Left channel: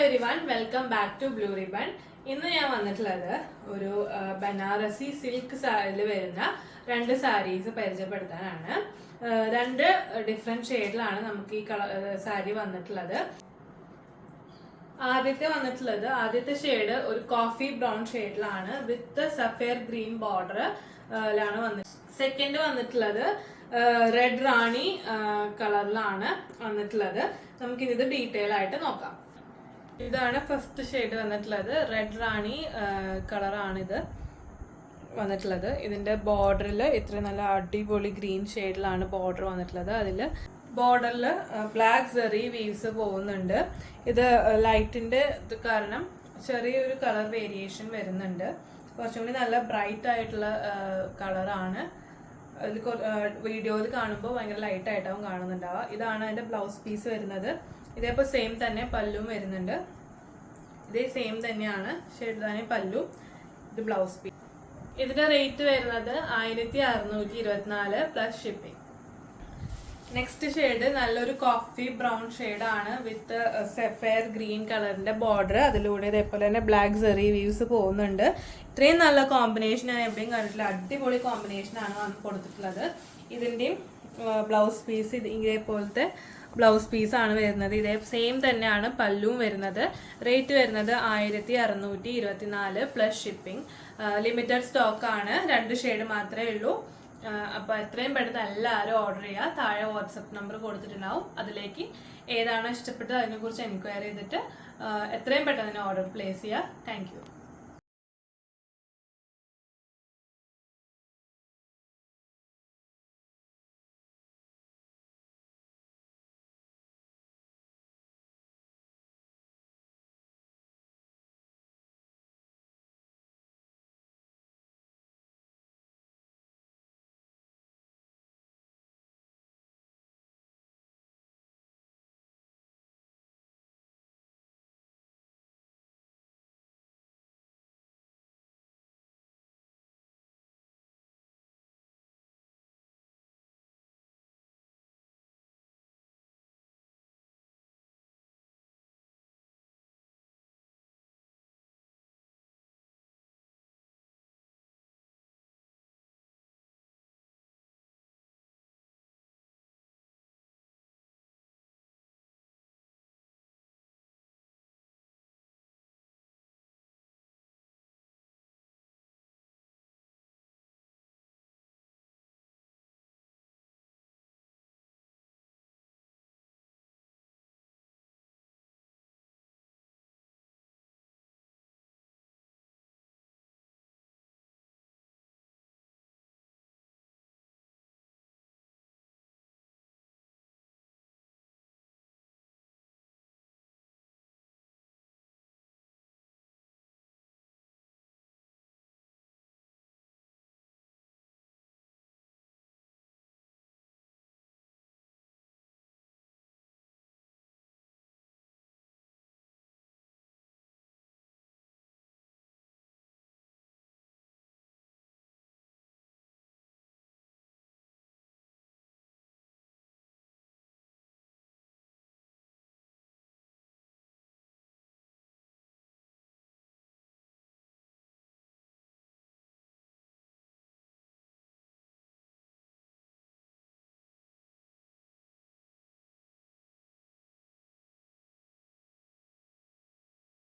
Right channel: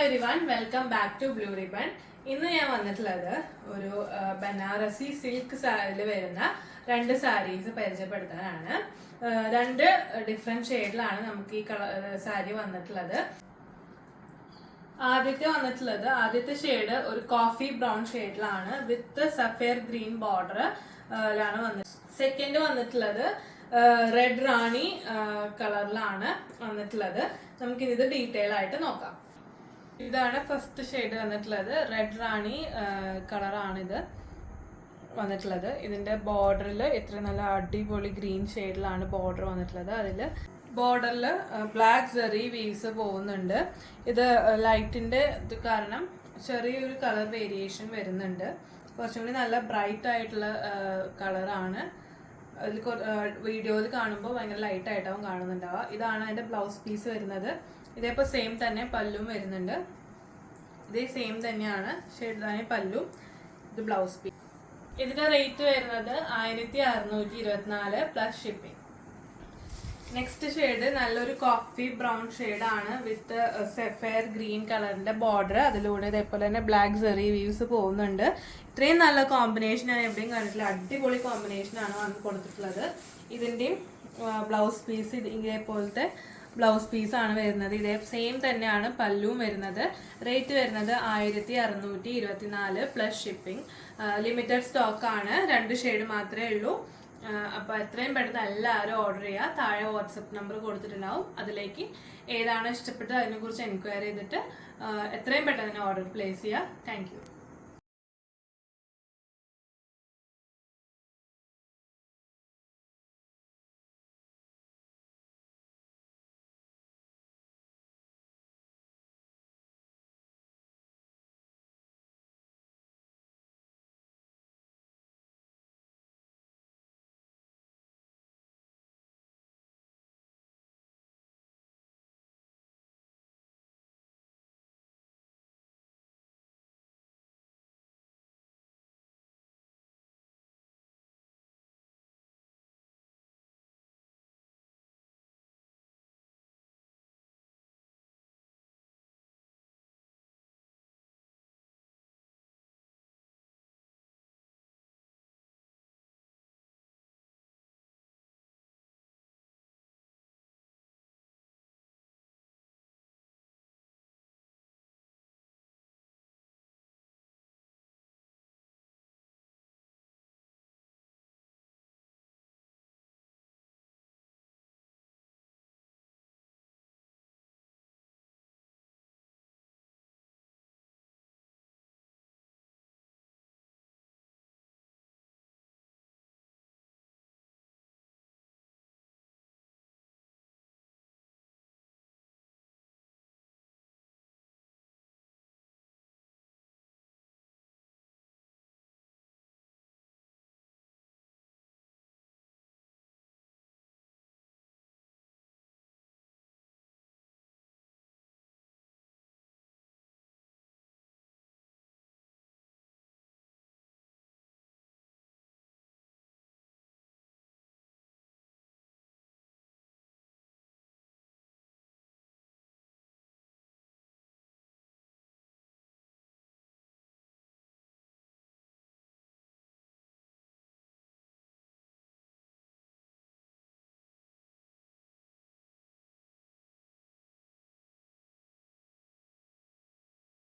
Everyone welcome back to Blue Ribbon. ഇന്ന് ഞാൻ വന്നിട്ടുള്ളത് ഒരു ബനാറസി സിൽക്ക് സാരിയിൽ വരുന്ന രണ്ട് സാരീസ് പരിചയപ്പെടുത്താനാണ്. രണ്ട് ഡിഫറെന്റ് ഷെയ്ഡിലാണ് നമുക്ക് ഈ സാരി വന്നിട്ടുള്ളത്. ആദ്യത്തെ ഷെയ്ഡ് ഒരു കോഫി ബ്രൗൺ ഷെയ്ഡിലാണ് വിത്ത് സഫയർ ഗ്രീൻ ബോർഡറിലാണ് വന്നിട്ടുള്ളത്. സെക്കൻഡ് വന്നിട്ടുള്ളത് റെഡ് റാണി കളറിലാണ് വന്നിട്ടുള്ളത്. നമുക്കിത് ഡീറ്റെയിൽ ആയിട്ട് നോക്കാം. ഇതാണ് ഫസ്റ്റ് ഷെയ്ഡ് വന്നിട്ടുള്ളത്. റെഡ് റാണി കളറാണിത് വന്നിട്ടുള്ളത്. ഇതിന്റെ ബോർഡറിൽ ഇത്ര നല്ല അടിപൊളി ഗ്രീൻ ഷെയ്ഡിലാണ് ബോർഡർ വന്നിട്ടുള്ളത്. അതില് ബോർഡറിൽ ബ്ലാക്ക് സെറി വീവ്സ് പോകുന്നുണ്ട്. ഇത് ലൈറ്റിന്റെ ഇത് കാരണം ചെറിയൊരു കളർ വേരിയേഷൻ വരുന്നുണ്ട്. കുറച്ചും കൂടി നല്ല ബ്രൈറ്റ് ആയിട്ടുള്ള കളറാണ്. അതിൽ വീഡിയോയിൽ കാണുമ്പോൾ ഭയങ്കര ലൈറ്റ് ആയിട്ടാവും കാണുന്നുണ്ടാവുക. ഇതാണ് അതിന്റെ ബ്ലൗസ് പീസ് വരുന്നത്. ഇതേപോലെ സെയിം തന്നെ പല്ലും വരുന്നുണ്ട്. ഇതേ സെയിം തന്നെയാണ് ഷെയ്ഡ് തന്നെ പല്ലു. ഇത് ബ്ലൗസ് പീസ്. ഇതിന്റെ റേറ്റ് വരുന്നത് 1624 പ്ലസ് ഷിപ്പിംഗ്. നെക്സ്റ്റ് ഷെയ്ഡ് നല്ലൊരു കോഫി ബ്രൗൺ ഷെയ്ഡ് ആണ് വിത്ത് സഫയർ ഗ്രീൻ കളറിന്റെ ബോർഡർ. അതിലൂടെ ഇതേപോലെ തന്നെ ബ്ലാക്ക് സെറി വീവ്സ് പോകുന്നുണ്ട്. ഇത്രയും നല്ല കോമ്പിനേഷൻ ഞാൻ എവിടെയും കണ്ടിട്ടില്ല. അടിപൊളി കോമ്പിനേഷൻ ആണ് വന്ന് കൊടുത്തിട്ടുള്ളത്. ഇതിന്റെയും ബ്ലൗസ് പീസ് ഇതേപോലത്തെ ബ്ലൗസ് പീസ് ആണ് വരുന്നത്. ഇതേ സെയിം തന്നെയാണ് പല്ലും വരുന്നത്. റേറ്റ് വരുന്നത് 1624 പ്ലസ് ഷിപ്പിംഗ്. ലിമിറ്റഡ് സ്റ്റോക്ക് ആണ്. രണ്ട് ഷെയ്ഡ് മാത്രമേ ഉള്ളൂ. അപ്പൊ എത്രയും പെട്ടെന്ന് എല്ലാവരും ഓർഡർ ചെയ്യുക. താഴെ വാട്സപ്പ് നമ്പർ കൊടുത്തിട്ടുണ്ടാവും. അതിലേക്ക് ഏതാണ് ഇഷ്ടപ്പെട്ടത് അതിനെ കുറിച്ച് എൻക്വയറി ചെയ്തിട്ട് എത്രയും പെട്ടെന്ന് ഓർഡർ പ്ലേസ് ചെയ്യുക. Thank you.